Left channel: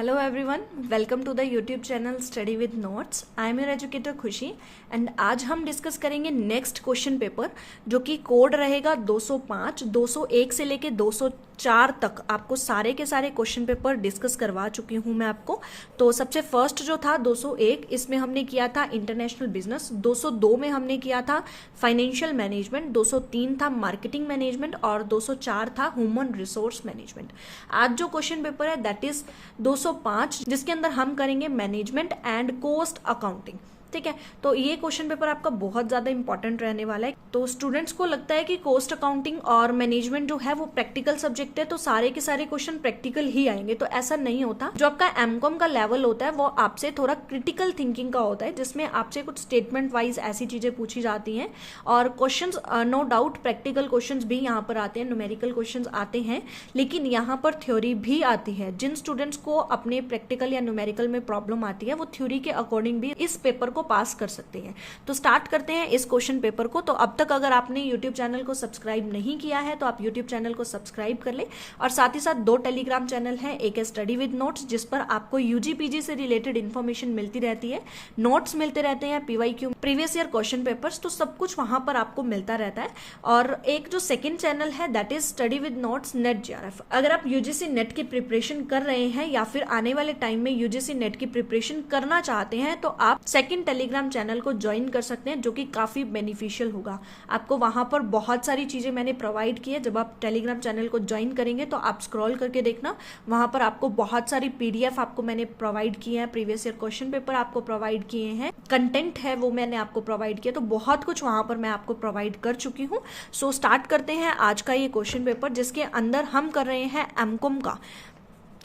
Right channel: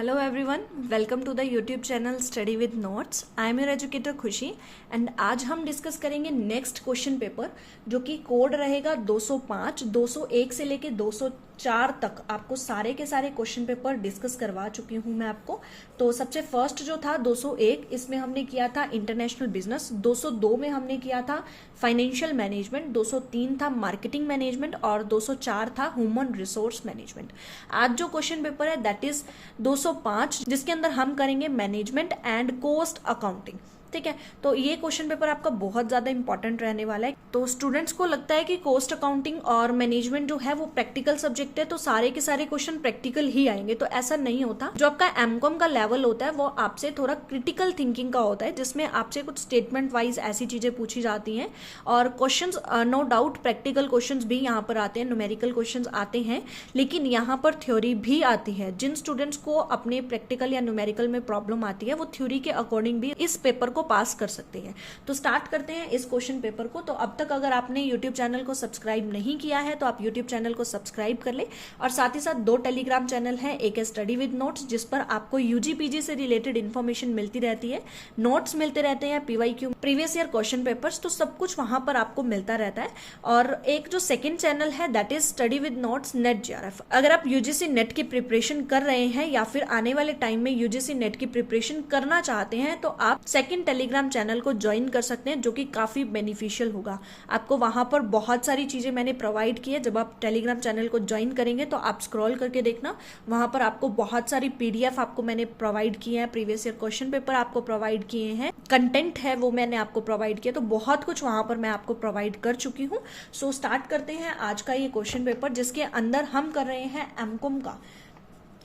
Hello everyone, welcome to the YouTube channel Study with Notes. I am your educator खुशी and आज हम discuss करेंगे next question paper जो कि code रहेगा 205, 201 से लेके 204 तक। आपको सारे के सारे क्वेश्चन पेपर डिस्कस करवा चुकी हूं मैं आपको। तो सबसे फर्स्ट जो था 201, इसमें हमने किया था इंटरनेशनल बिजनेस, 202 में हमने किया था फाइनेंशियल मैनेजमेंट, 203 था मार्केटिंग मैनेजमेंट और 204 था ह्यूमन रिसोर्स मैनेजमेंट। आज जो क्वेश्चन पेपर है दैट इज 205, जिसके अंदर हम करेंगे मैनेजमेंट एंड कॉस्ट अकाउंटिंग। ठीक है, तो ये क्वेश्चन पेपर आपका बहुत ज्यादा इंपॉर्टेंट रहने वाला है। तो स्टूडेंट्स को लगता है कि कॉस्ट अकाउंटिंग और मैनेजमेंट जो है वो प्रैक्टिकल सब्जेक्ट है, तो सारे के सारे क्वेश्चन प्रैक्टिकल ही आएंगे, तो ऐसा नहीं होता। जो आपका एमकॉम का लेवल होता है वो आपसे थोड़ा क्रिटिकल थिंकिंग का होता है, जिसमें आपसे कुछ स्टेटमेंट वाइज ऐसी चीजें पूछी जाती हैं और question no doubt practical question भी यहाँ पर आते हैं, न्यूमेरिकल क्वेश्चन आते हैं, लेकिन यहाँ पर थ्योरी भी आती है। जिन स्टूडेंट्स को अपने प्रैक्टिकल या न्यूमेरिकल में प्रॉब्लम आती है वो थ्योरी के अकॉर्डिंग भी इस पेपर को पास कर सकते हैं। तो स्टार्ट करते हैं इस क्वेश्चन पेपर को। तो अब तक अगर आपने YouTube चैनल को सब्सक्राइब नहीं किया है तो आप YouTube चैनल को सब्सक्राइब कर ले, और साथ ही साथ 2 टेलीग्राम चैनल है, एक है स्टडी विद नोट्स जिस पर आपको यूजी पीजी से रिलेटेड इन्फॉर्मेशन मिलती रहती है, नोट्स मिलते रहते हैं, PYQ previous year question papers, तो सब कुछ वहां पर आपको मिलता रहता है। और एक जो सेकेंड चैनल है that is study with notes net JRF। अगर आप यूजीसी नेट की प्रिपरेशन कर रहे हैं या फिर आने वाले टाइम में यूजीसी नेट की प्रिपरेशन करना चाहते हैं तो आप सेकेंड टेलीग्राम चैनल को ज्वाइन कर सकते हैं, जो कि काफी बेनिफिशियल होगा आपको। वहां पर बहुत सारी चीजें मैंने प्रोवाइड की है। जब आप टेलीग्राम चैनल को ज्वाइन करेंगे तो आप स्क्रॉल करके देखना, वहां पर आपको बहुत सारी PDF आपको मैंने प्रोवाइड किए हैं, प्रीवियस ईयर क्वेश्चन पेपर आपको प्रोवाइड किए हैं, कंटेंट है वो मैंने आपको प्रोवाइड किया, तो बहुत कुछ वहां पर मैं आपको प्रोवाइड कर चुकी हूँ। सो स्टार्ट करते हैं आज का ये क्वेश्चन पेपर, जिसके अंदर हम कर रहे हैं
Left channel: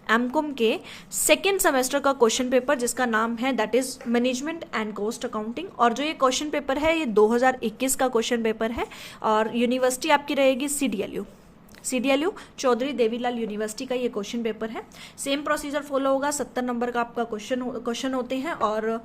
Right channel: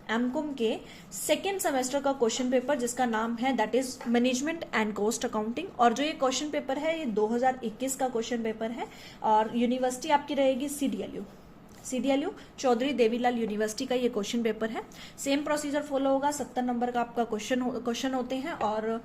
एमकॉम के सेकेंड सेमेस्टर का क्वेश्चन पेपर, जिसका नाम है that is management and cost accounting. और जो ये क्वेश्चन पेपर है ये 2021 का क्वेश्चन पेपर है और यूनिवर्सिटी आपकी रहेगी CDLU चौधरी देवीलाल यूनिवर्सिटी का ये क्वेश्चन पेपर है। सेम प्रोसीजर फॉलो होगा, 70 नंबर का आपका क्वेश्चन होते हैं और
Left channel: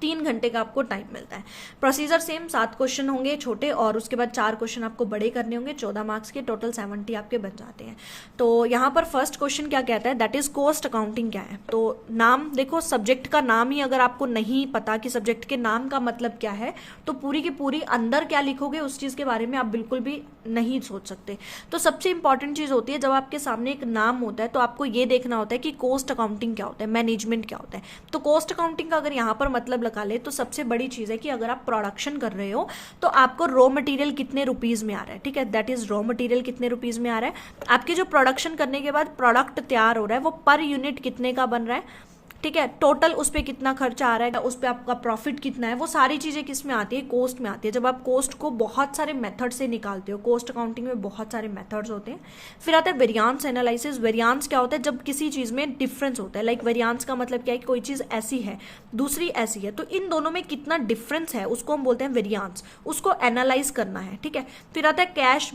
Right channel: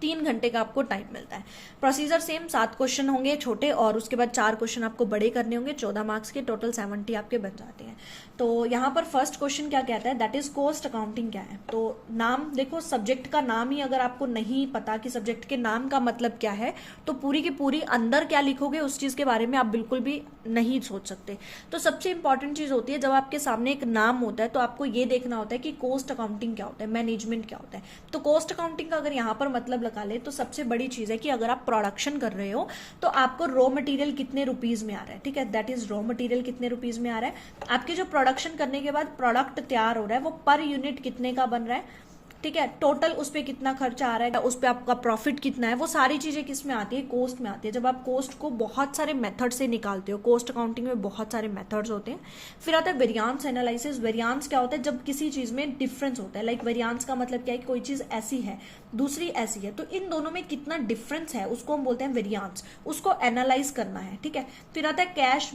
3 घंटे का आपको टाइम मिलता है। प्रोसीजर सेम, 7 क्वेश्चन होंगे छोटे और उसके बाद 4 क्वेश्चन आपको बड़े करने होंगे, 14 मार्क्स के, टोटल 70 आपके बन जाते हैं। तो यहाँ पर फर्स्ट क्वेश्चन क्या कहता है, दैट इज कॉस्ट अकाउंटिंग क्या है। तो नाम देखो, सब्जेक्ट का नाम ही अगर आपको नहीं पता कि सब्जेक्ट के नाम का मतलब क्या है, तो पूरी की पूरी अंदर क्या लिखोगे उस चीज के बारे में आप बिल्कुल भी नहीं सोच सकते। तो सबसे इंपॉर्टेंट चीज होती है, जब आपके सामने एक नाम होता है तो आपको ये देखना होता है कि कॉस्ट अकाउंटिंग क्या होता है, मैनेजमेंट क्या होता है। तो कॉस्ट अकाउंटिंग का अगर यहाँ पर मतलब लगा ले तो सबसे बड़ी चीज है कि अगर आप प्रोडक्शन कर रहे हो तो आपको रॉ मटेरियल कितने रुपीज में आ रहा है, ठीक है, दैट इज रॉ मटेरियल कितने रुपीज में आ रहा है। आपकी जो प्रोडक्शन करने के बाद प्रोडक्ट तैयार हो रहा है वो पर यूनिट कितने का बन रहा है, ठीक है, टोटल उस पर कितना खर्चा आ रहा है, उस पर आपका प्रॉफिट कितना है, वो सारी चीजें किस में आती है, कोस्ट में आती है। जब आप कोस्ट को बहुत सारे मेथड से निकालते हो, कोस्ट अकाउंटिंग में बहुत सारे मेथड्स होते हैं। फिर आता है वेरियांस एनालिसिस। वेरियांस क्या होता है, जब किसी चीज में डिफरेंस होता है, लाइक वेरियांस का मतलब क्या है, कोई चीज ऐसी है दूसरी ऐसी है, तो इन दोनों में कितना डिफरेंस है उसको हम बोलते हैं वेरियांस, उसको एनालाइज करना है, ठीक है। फिर आता है कैश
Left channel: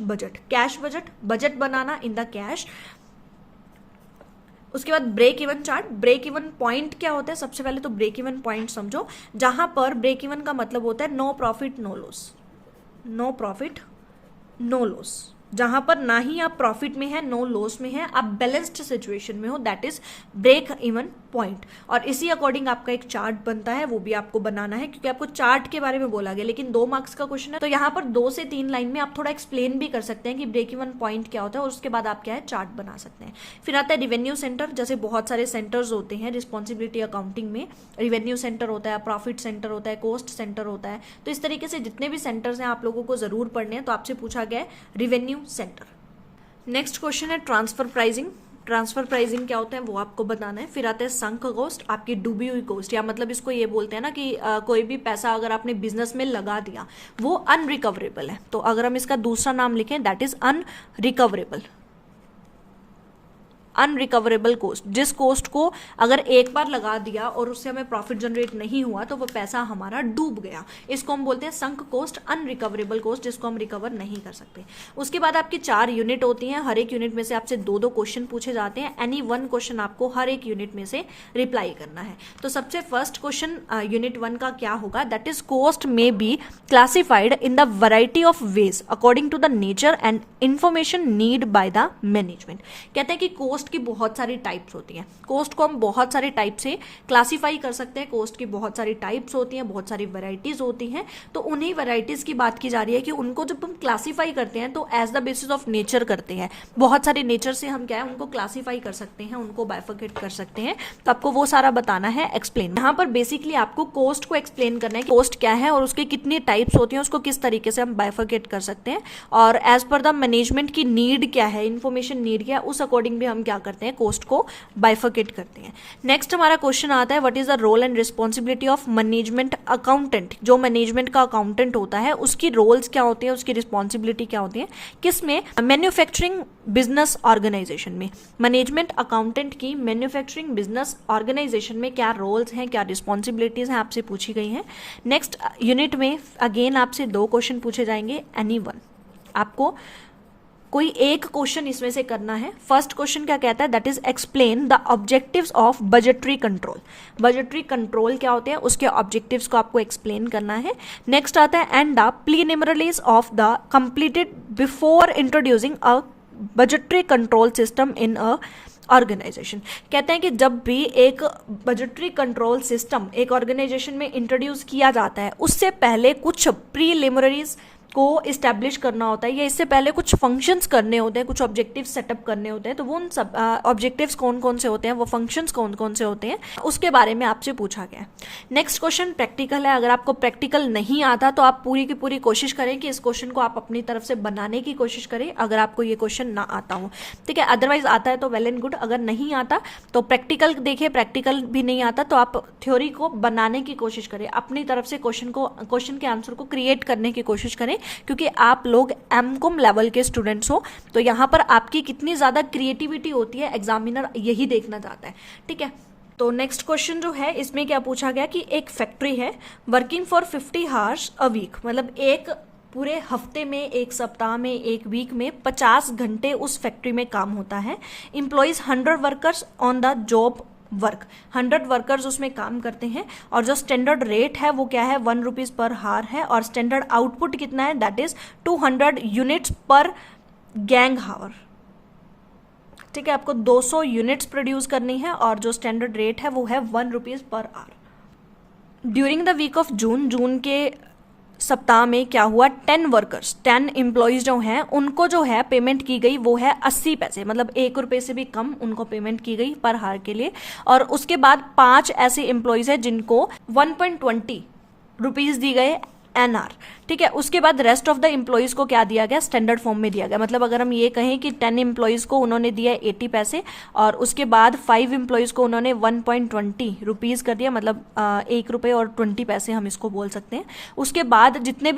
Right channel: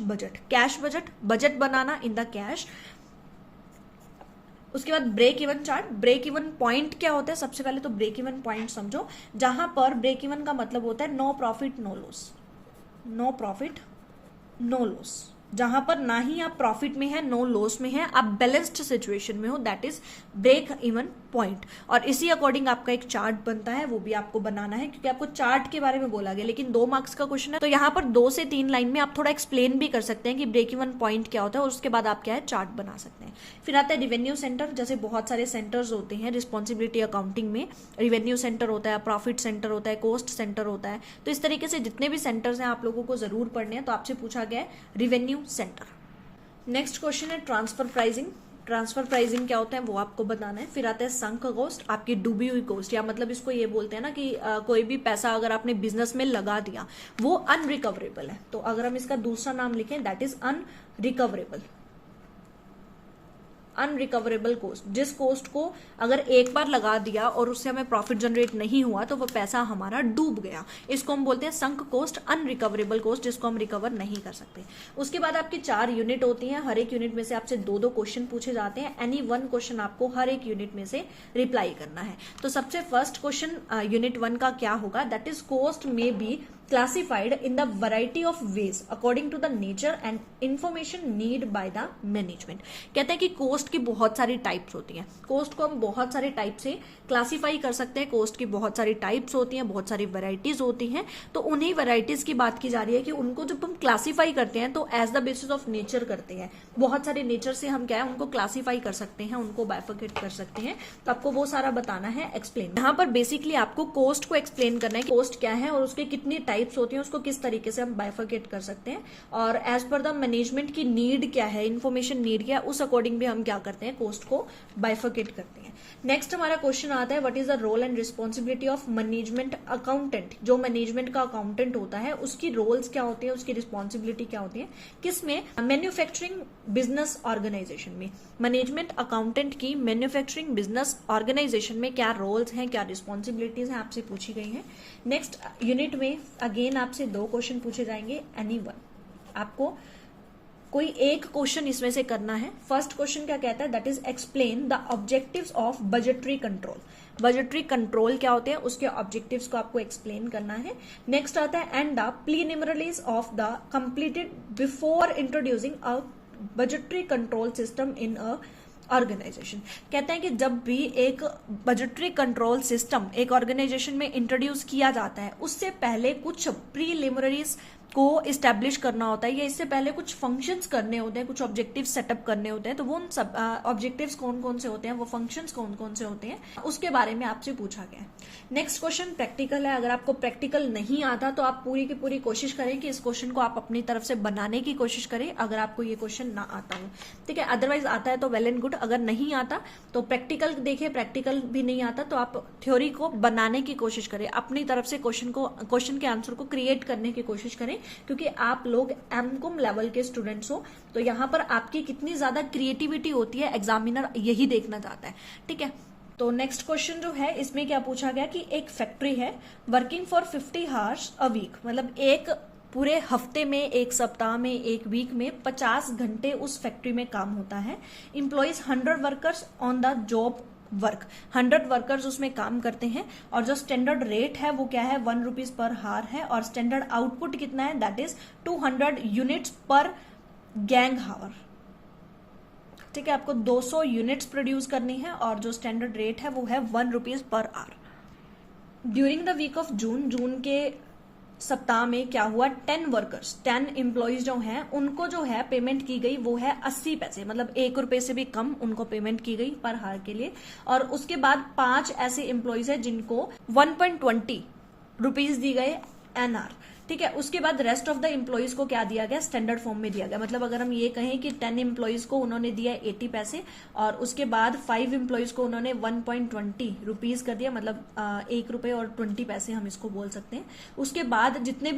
बजट, बजट बनाना इन द कैश। उसके बाद break even chart. Break even point क्या होता है, सबसे पहले तो ब्रेक इवन पॉइंट समझो, जहां पर ब्रेक इवन का मतलब होता है नो प्रॉफिट नो लॉस, जहां पर ना ही आप प्रॉफिट में है नो लॉस में है, आप बैलेंस्ड सिचुएशन में हो, that is break even point. और इसी अकॉर्डिंग आपका एक चार्ट बनता है, वो भी आपको बनाना है, क्योंकि आपको चार्ट के बारे में बोला गया, लेकिन 2 मार्क्स का क्वेश्चन है तो यहाँ पर 2 से 3 लाइन में आप थोड़ा एक्सप्लेन भी कर सकते हैं कि ब्रेक इवन पॉइंट क्या होता है, और उसके बाद आप क्या है चार्ट बना सकते हैं। फिर आता है रिवेन्यू सेंटर। जैसे बहुत सारे सेंटर्स होते हैं रिस्पॉन्सिबिलिटी अकाउंटिंग में, रिवेन्यू सेंटर होता है, प्रॉफिट सेंटर होता है, कॉस्ट सेंटर होता है, तो इस तरीके से जितने भी सेंटर्स हैं आप लोगों को जरूर पढ़ने हैं। तो आपसे पूछा गया है रिवेन्यू सेंटर। नेक्स्ट क्वेश्चन है ट्रांसफर प्राइसिंग क्या होता है वो आपको बताना है। फिर आता है संक कॉस्ट, आपकी डूबी हुई कॉस्ट, या मतलब इसको ये बोलते हैं ना कि कोई भी पैसा अगर आपने बिजनेस में लगा दिया वो अनरिकवरेबल है, तो अगर हम इसका दूसरा नाम लिखें दैट इज अनरिकवरेबल कॉस्ट। जिस कॉस्ट को अगर एक बार लगा दिया और उससे हमें प्रॉफिट जनरेट नहीं हुआ तो वो पैसा हमारा डूब गया, इसको हम बोलते हैं संक कॉस्ट, अनरिकवरेबल कॉस्ट, जिसको हम रिकवर नहीं कर सकते। उसके बाद आपकी 4 यूनिट होती हैं, हर एक यूनिट में से आपसे 2-2 क्वेश्चन पूछे जाते हैं, एनी 1 क्वेश्चन आपको हर एक यूनिट में से रिप्लाई करना है। तो सबसे फर्स्ट क्वेश्चन यूनिट 1 का क्या होगा, that is cost may be classified in the variety of ways according to the nature and information need by the management. कहते हैं कि कॉस्ट कोस्ट की बहुत सारी टाइप्स होती हैं। कोस्ट को हम बहुत सारे टाइप से क्लासीफाई कर सकते हैं। कोस्ट की बहुत सारी टाइप्स होती हैं, बहुत सारी वैरायटीज होती हैं। तो उन्हीं वैरायटीज की बात की जा रही है कि उनको जब हम क्लासीफाई करते हैं तो as the basis of nature करते हैं। बहुत सारे नेचर से हम क्या है उनको क्लासीफाई कर सकते हैं, उनको बाइफरकेट कर सकते हैं। तो आपको वो सारा बताना है, एक्सप्लेन। यहाँ पर बेसिकली आपको कोस्ट को एक्सप्लेन करना है, कोस्ट क्या है और उसके कितनी टाइप्स होती हैं, उसको किस तरीके से हम बाइफरकेट कर सकते हैं, और एज पर द मैनेजमेंट की नीड क्या है, इंफॉर्मेशन नीड क्या है, उस अकॉर्डिंग भी हम क्या करते हैं, कोस्ट को बाइफरकेट करते हैं। नेक्स्ट हमारा क्वेश्चन आता है, what is the role and responsibility of management accountant. जो मैनेजमेंट का अकाउंटेंट होता है उसकी रोल्स क्या होती है, उसकी रिस्पॉन्सिबिलिटी क्या होती है, किसमें, मैन्युफैक्चरिंग बिजनेस ऑर्गेनाइजेशन में। मैनेजमेंट अकाउंटेंट की मैन्युफैक्चरिंग बिजनेस ऑर्गेनाइजेशन में क्या रोल्स हैं, क्या रिस्पॉन्सिबिलिटीज हैं, आपसे पूछी गई हैं। नेक्स्ट यूनिट में अगेन आपसे 2 क्वेश्चन पूछे जाएंगे, एनी वन। आपको कोई एक क्वेश्चन इसमें से करना है। फर्स्ट क्वेश्चन क्या कहता है, that is explain the objectives of budgetary control. Budgetary control क्या होते हैं, उसके ऑब्जेक्टिव्स को आपको एक्सप्लेन करना है। नेक्स्ट आता है, and the preliminaries of the completed before introducing a budgetary control system in a organization. कहते हैं कि जब भी एक बजटरी कंट्रोल सिस्टम एक ऑर्गेनाइजेशन में इंट्रोड्यूस किया जाता है उससे पहले कुछ प्रीलिमिनरीज को इस्टेब्लिश करना होता है, या इससे पहले कुछ फंक्शंस करने होते हैं, कुछ ऑब्जेक्टिव्स सेटअप करने होते हैं। तो वो उन सब ऑब्जेक्टिव्स कौन कौन से होते हैं, वो फंक्शंस कौन कौन से होते हैं, उसके बारे में आपसे पूछा गया है। नेक्स्ट क्वेश्चन प्रैक्टिकल है। अगर आपको प्रैक्टिकल नहीं आता तो आप पूरी की पूरी कोशिश करें कि इस क्वेश्चन को आप अपनी तरफ से बनाने की कोशिश करें, अगर आपको ये क्वेश्चन ना आता हो, ठीक है। अदरवाइज आता है तो वेल एंड गुड, अगर नहीं आता तो प्रैक्टिकल देखिए, प्रैक्टिकल भी नहीं आता तो आप थ्योरी को बनाने की कोशिश करें, अपनी तरफ से क्वेश्चन के आंसर को क्रिएट करने की कोशिश करें, क्योंकि आप लोग एमकॉम लेवल के स्टूडेंट्स हो। तो यहां पर आपकी कितनी ज्यादा क्रिएटिविटी होती है एग्जामिनर यही देखना चाहता है, ठीक है। तो नेक्स्ट क्वेश्चन जो है इसमें क्या पूछा गया कि एक फैक्ट्री है working for 50 hours a week, मतलब एक पूरे हफ्ते में, एक सप्ताह में, एक वीक में 50 घंटे उस फैक्ट्री में काम होता है। Employees 100 workers on the job work, 100 workers उसमें काम करते हैं, और जो स्टैंडर्ड रेट है वो क्या है, 1 रुपीज पर हार है, और स्टैंडर्ड आउटपुट कितना है, दैट इज 200 यूनिट्स पर गैंग हावर, ठीक है। आपको 200 यूनिट्स प्रोड्यूस करनी है, और जो स्टैंडर्ड रेट है वो है 1 rupees per hour. During the week of June के सप्ताह में क्या हुआ, 10 वर्कर्स, 10 एम्प्लॉइज जो हैं उनको जो है पेमेंट की गई वो है 80 पैसे, मतलब 1 रुपए से भी कम उनको पेमेंट की गई पर हार के लिए। और उसके बाद 5 ऐसे एम्प्लॉइज हैं जिनको 1.20 रुपीज दी गए एनआर, ठीक है। उसके बाद रेस्ट ऑफ द एम्प्लॉइज को क्या दिया गया, स्टैंडर्ड फॉर्म में दिया गया। मतलब अगर हम ये कहें कि 10 एम्प्लॉइज को उन्होंने दिया 80 पैसे, और उसके बाद 5 एम्प्लॉइज को उन्होंने 1.20 रुपीज कर दिया, मतलब 1 रुपए और 20 पैसे हम इसको बोल सकते हैं। उसके बाद जितने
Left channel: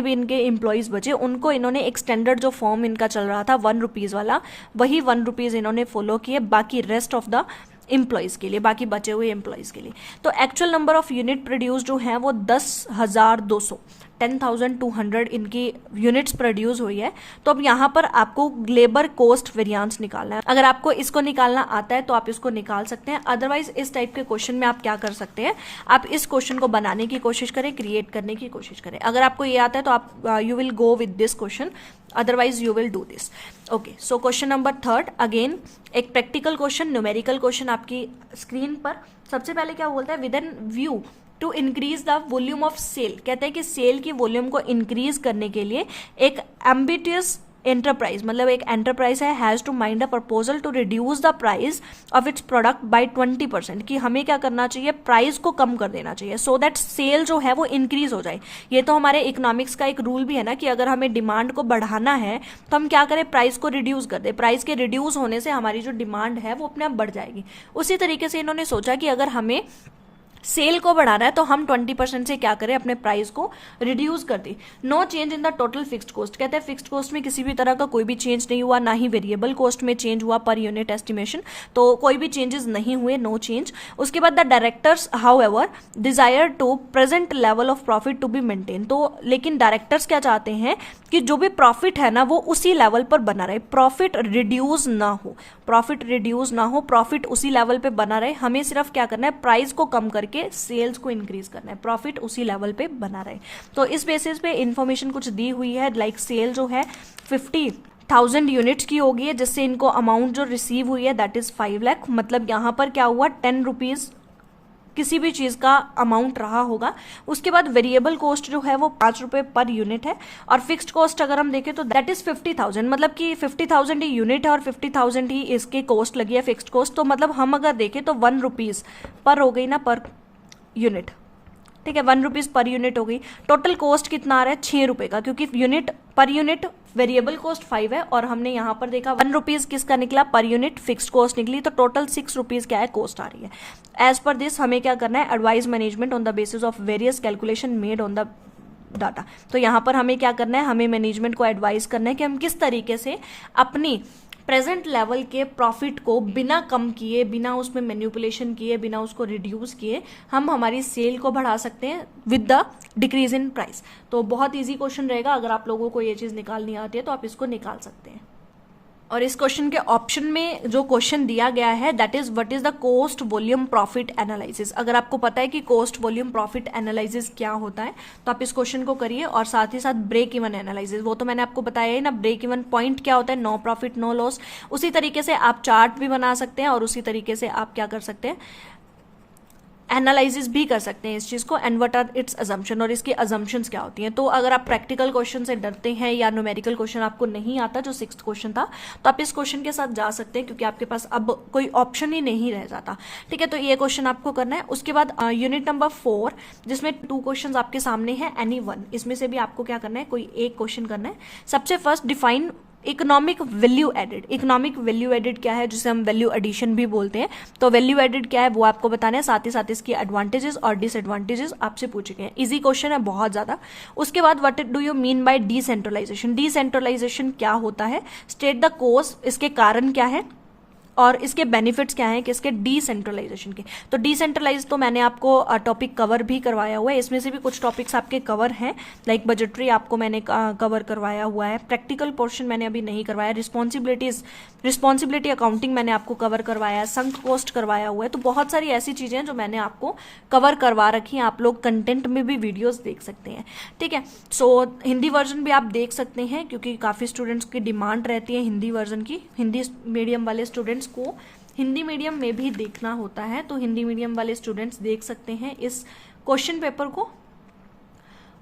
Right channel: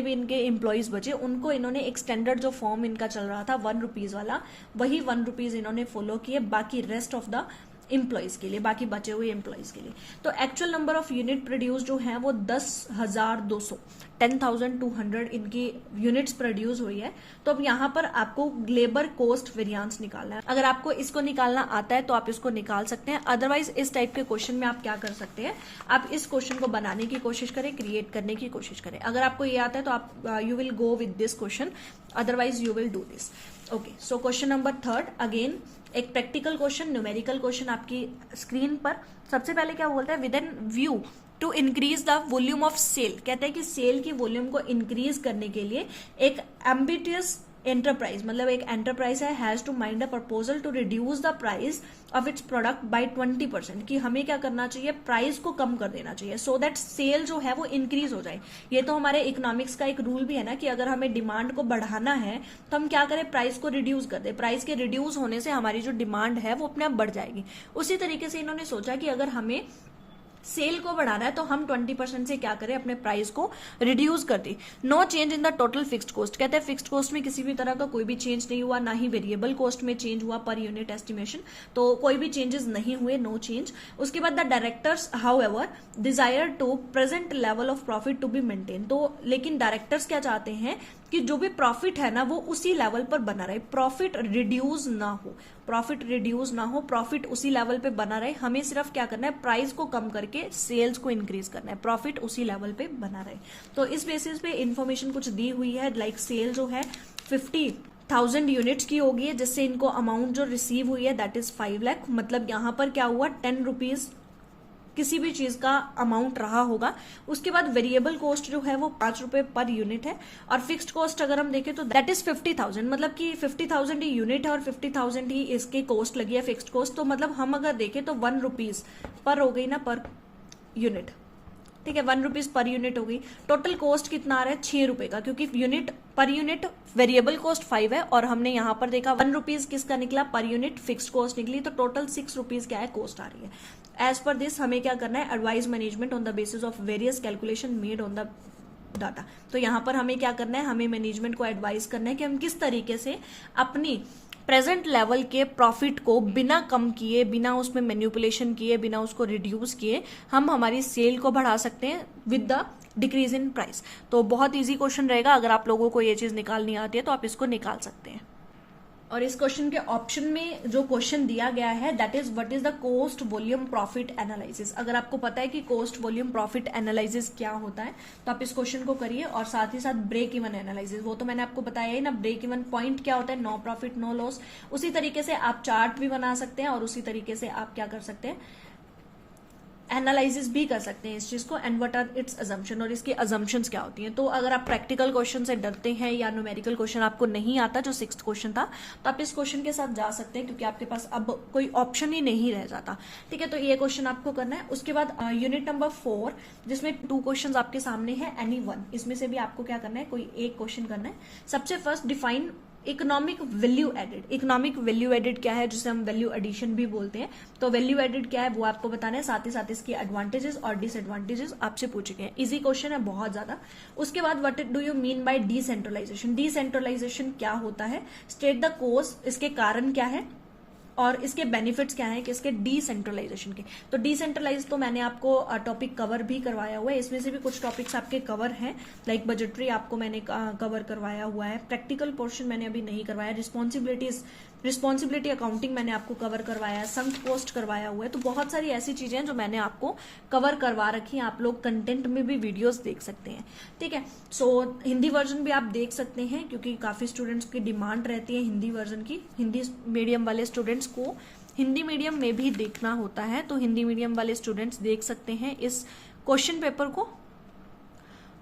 भी इनके एम्प्लॉइज बचे उनको इन्होंने एक स्टैंडर्ड जो फॉर्म इनका चल रहा था 1 रुपीज वाला, वही 1 रुपीज इन्होंने फॉलो किए बाकी रेस्ट ऑफ द एम्प्लॉइज के लिए, बाकी बचे हुए एम्प्लॉइज के लिए। तो actual number of unit produce जो है वो 10,200 10,200 इनकी यूनिट्स प्रोड्यूस हुई है। तो अब यहाँ पर आपको लेबर कॉस्ट वेरिएंस निकालना है। अगर आपको इसको निकालना आता है तो आप इसको निकाल सकते हैं, अदरवाइज इस टाइप के क्वेश्चन में आप क्या कर सकते हैं, आप इस क्वेश्चन को बनाने की कोशिश करें, क्रिएट करने की कोशिश करें। अगर आपको ये आता है तो आप you will go with this question, otherwise you will do this. Okay, so question number 3 again एक प्रैक्टिकल क्वेश्चन, न्यूमेरिकल क्वेश्चन आपकी स्क्रीन पर। सबसे पहले क्या बोलता है, with an view to increase the volume of sale. कहते हैं कि सेल की वॉल्यूम को इंक्रीज करने के लिए एक एम्बिटियस एंटरप्राइज, मतलब एक एंटरप्राइज है, has to mind a proposal to reduce the price of its product by 20%, कि हमें क्या करना चाहिए, प्राइस को कम कर देना चाहिए, सो दैट सेल जो है वो इंक्रीज हो जाए। ये तो हमारे इकोनॉमिक्स का एक रूल भी है ना, कि अगर हमें डिमांड को बढ़ाना है तो हम क्या करें, प्राइस को रिड्यूस कर दे। प्राइस के रिड्यूस होने से हमारी जो डिमांड है वो अपने आप बढ़ जाएगी। उसी तरीके से इन्होंने सोचा कि अगर हमें सेल को बढ़ाना है तो हम 20% से क्या करें, अपने प्राइस को रिड्यूस कर दें। No change in the total fixed cost, कहते हैं फिक्स्ड कॉस्ट में किसी भी तरह का कोई भी चेंज नहीं हुआ, ना ही वेरिएबल कॉस्ट में चेंज हुआ पर यूनिट एस्टिमेशन, तो कोई भी चेंजेस नहीं हुए, नो चेंज। उसके बाद the directors however desire to present level of profit to be maintain, तो लेकिन डायरेक्टर्स क्या चाहते हैं कि जो भी प्रॉफिट है ना वो उसी लेवल पर बना रहे, प्रॉफिट रिड्यूस ना हो, प्रॉफिट रिड्यूस ना हो, प्रॉफिट उसी लेवल पे बना रहे। हमें सिर्फ क्या करना है, प्राइस को कम करके सेल्स को इंक्रीज करना है, प्रॉफिट उसी लेवल पे बना रहे। तो इस बेसिस पे इंफॉर्मेशन कुछ दी हुई है, लाइक सेल जो है 50 1000 यूनिट्स की होगी है, जिससे इनको अमाउंट जो रिसीव हुई है दैट इज 5 लाख। मतलब यहाँ पर क्या हुआ, 10 रुपीज किसी भी चीज का अमाउंट रहा होगा। उसके बाद वेरिएबल कॉस्ट जो है वो 5 रुपए पर यूनिट है, और फिक्स्ड कॉस्ट अगर हम देखें तो दैट इज 50,000। मतलब कि 50,000 ही यूनिट है और 50,000 ही इसकी कॉस्ट लगी है, फिक्स्ड कॉस्ट। तो मतलब हम अगर देखें तो 1 रुपीज पर हो गई ना, पर यूनिट, ठीक है, 1 रुपीज पर यूनिट हो गई। टोटल कॉस्ट कितना आ रहा है, 6 रुपए का, क्योंकि unit per unit variable cost 5 है, और हमने यहां पर देखा 1 रुपीज किसका निकला, पर यूनिट फिक्स्ड कॉस्ट निकली। तो टोटल 6 रुपीज क्या है, कॉस्ट आ रही है। एज पर दिस हमें क्या करना है, advise management on the basis of various calculation made on the data. तो यहां पर हमें क्या करना है, हमें मैनेजमेंट को एडवाइज करना है कि हम किस तरीके से अपनी प्रेजेंट लेवल के प्रॉफिट को बिना कम किए, बिना उसमें मैन्युपुलेशन किए, बिना उसको रिड्यूस किए, हम हमारी सेल को बढ़ा सकते हैं with the decrease in price. तो बहुत इजी क्वेश्चन रहेगा, अगर आप लोगों को ये चीज निकालनी आती है तो आप इसको निकाल सकते हैं। और इस क्वेश्चन के ऑप्शन में जो क्वेश्चन दिया गया है that is what is the cost volume profit analysis. अगर आपको पता है कि कॉस्ट वॉल्यूम प्रॉफिट एनालिसिस क्या होता है तो आप इस क्वेश्चन को करिए, और साथ ही साथ ब्रेक इवन एनालिसिस, वो तो मैंने आपको बताया ही ना, ब्रेक इवन पॉइंट क्या होता है, नो प्रॉफिट नो लॉस। उसी तरीके से आप चार्ट भी बना सकते हैं, और उसी तरीके से आप क्या कर सकते हैं, एनालिसिस भी कर सकते हैं इस चीज को, and what are its assumption, और इसकी अजम्पशंस क्या होती हैं। तो अगर आप प्रैक्टिकल क्वेश्चन से डरते हैं या न्यूमेरिकल क्वेश्चन आपको नहीं आता, जो 6th क्वेश्चन था, तो आप इस क्वेश्चन के साथ जा सकते हैं, क्योंकि आपके पास अब कोई ऑप्शन ही नहीं रह जाता। ठीक है, तो ये क्वेश्चन आपको करना है। उसके बाद यूनिट नंबर 4, जिसमें 2 क्वेश्चन आपके सामने है, एनी वन, इसमें से भी आपको क्या करना है, कोई एक क्वेश्चन करना है। सबसे first define economic value added. Economic value added क्या है, जिसे हम वैल्यू एडिशन भी बोलते हैं। तो वैल्यू एडेड क्या है वो आपको बताना है, साथ ही साथ इसकी एडवांटेजेस और डिसएडवांटेजेस आपसे पूछे गए हैं। इजी क्वेश्चन है बहुत ज्यादा। उसके बाद what do you mean by decentralisation. Decentralisation क्या होता है, स्टेट द कोज, इसके कारण क्या है और इसके बेनिफिट्स क्या हैं किसके, डिसेंट्रलाइजेशन के। तो डिसेंट्रलाइज तो मैंने आपको टॉपिक कवर भी करवाया हुआ है, इसमें से भी कुछ टॉपिक्स आपके कवर हैं, लाइक बजटरी आपको मैंने कवर करवाया हुआ है, प्रैक्टिकल पोर्शन मैंने अभी नहीं करवाया, रिस्पॉन्सिबिलिटी अकाउंटिंग मैंने आपको कवर करवाया है, संक कॉस्ट करवाया हुआ है। तो बहुत सारी ऐसी चीजें जो मैंने आपको कवर करवा रखी हैं, आप लोग कंटेंट में भी वीडियोस देख सकते हैं। ठीक है, सो हिंदी वर्जन भी आप देख सकते हैं, क्योंकि काफी स्टूडेंट्स की डिमांड रहती है हिंदी वर्जन की। हिंदी मीडियम वाले स्टूडेंट्स को हिंदी मीडियम में भी देखना होता है, तो हिंदी मीडियम वाले स्टूडेंट्स देख सकते हैं इस क्वेश्चन पेपर को।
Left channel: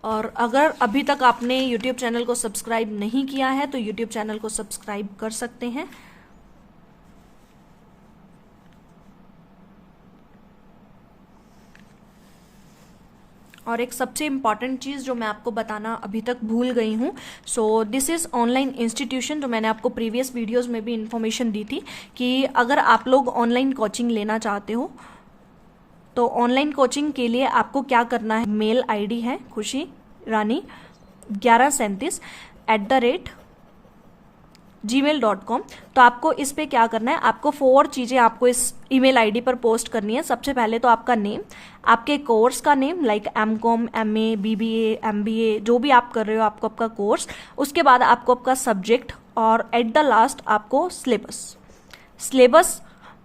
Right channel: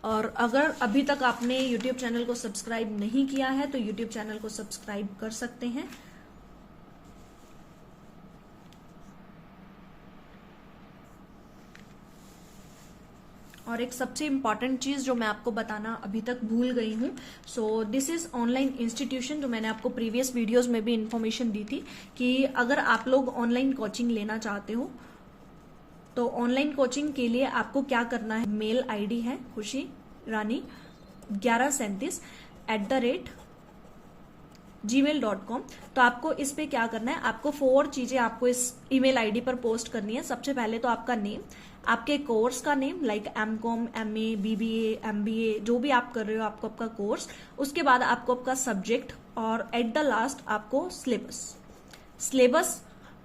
और अगर अभी तक आपने YouTube चैनल को सब्सक्राइब नहीं किया है तो YouTube चैनल को सब्सक्राइब कर सकते हैं। और एक सबसे इम्पॉर्टेंट चीज जो मैं आपको बताना अभी तक भूल गई हूं, so this is online institution, जो मैंने आपको प्रीवियस वीडियोस में भी इंफॉर्मेशन दी थी कि अगर आप लोग ऑनलाइन कोचिंग लेना चाहते हो तो ऑनलाइन कोचिंग के लिए आपको क्या करना है, मेल आईडी है खुशी रानी 1137@gmail.com। तो आपको इस पे क्या करना है, आपको 4 चीजें आपको इस ईमेल आईडी पर पोस्ट करनी है। सबसे पहले तो आपका नेम, आपके कोर्स का name, like MCom, MA, BBA, MBA, जो भी आप कर रहे हो आपको आपका कोर्स। उसके बाद आपको आपका सब्जेक्ट, और एट द लास्ट आपको सिलेबस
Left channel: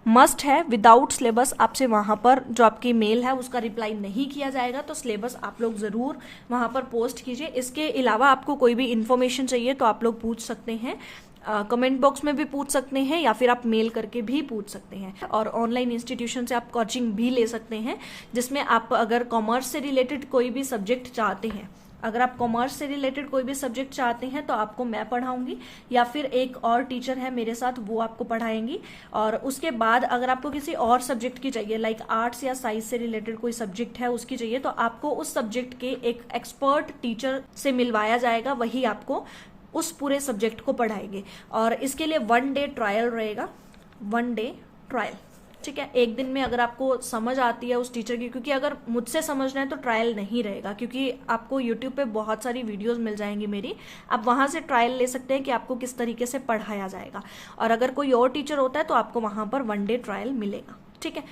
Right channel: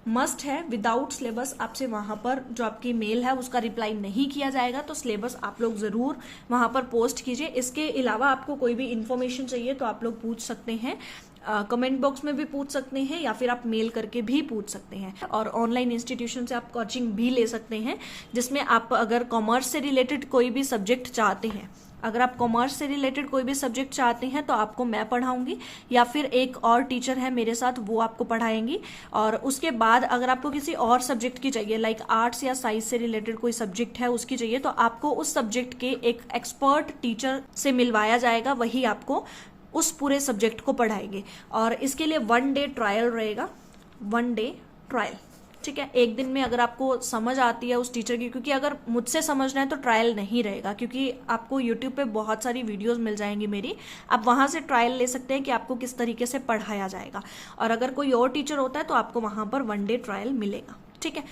मस्ट है। विदाउट सिलेबस आपसे वहां पर जो आपकी मेल है उसका रिप्लाई नहीं किया जाएगा, तो सिलेबस आप लोग जरूर वहां पर पोस्ट कीजिए। इसके अलावा आपको कोई भी इंफॉर्मेशन चाहिए तो आप लोग पूछ सकते हैं, कमेंट बॉक्स में भी पूछ सकते हैं, या फिर आप मेल करके भी पूछ सकते हैं। और ऑनलाइन इंस्टीट्यूशन से आप कोचिंग भी ले सकते हैं, जिसमें आप अगर कॉमर्स से रिलेटेड कोई भी सब्जेक्ट चाहते हैं, अगर आप कॉमर्स से रिलेटेड कोई भी सब्जेक्ट चाहते हैं तो आपको मैं पढ़ाऊंगी, या फिर एक और टीचर है मेरे साथ वो आपको पढ़ाएंगी। और उसके बाद अगर आपको किसी और सब्जेक्ट की चाहिए, लाइक आर्ट्स या साइंस से रिलेटेड कोई सब्जेक्ट है उसकी चाहिए, तो आपको उस सब्जेक्ट के एक एक्सपर्ट टीचर से मिलवाया जाएगा, वही आपको उस पूरे सब्जेक्ट को पढ़ाएंगे। और इसके लिए 1 डे ट्रायल रहेगा, 1 डे ट्रायल। ठीक है, एक दिन में अगर आपको समझ आती है उस टीचर की, क्योंकि अगर मुझसे समझना है तो ट्रायल नहीं रहेगा, क्योंकि आपको YouTube पे बहुत सारी वीडियोस मिल जाएंगी मेरी, आप वहां से ट्रायल ले सकते हैं कि आपको किस तरीके से पढ़ाया जाएगा। और अगर कोई और टीचर होता है तो आपको वहां पर 1 डे ट्रायल मिलेगा। ठीक है,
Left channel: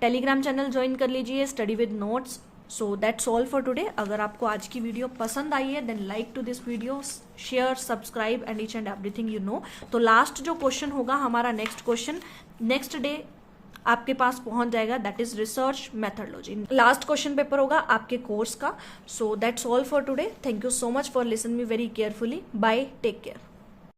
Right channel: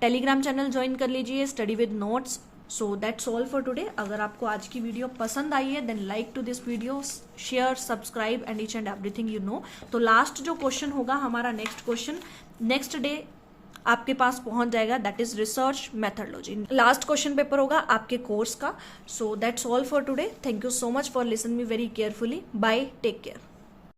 टेलीग्राम चैनल ज्वाइन कर लीजिए, study with notes. So that's all for today. अगर आपको आज की वीडियो पसंद आई है then like to this video, share, subscribe and each and everything you know. तो लास्ट जो क्वेश्चन होगा हमारा, नेक्स्ट क्वेश्चन नेक्स्ट डे आपके पास पहुंच जाएगा, दैट इज research methodology. Last question paper होगा आपके कोर्स का। So that's all for today. Thank you so much for listen me very carefully. Bye, take care.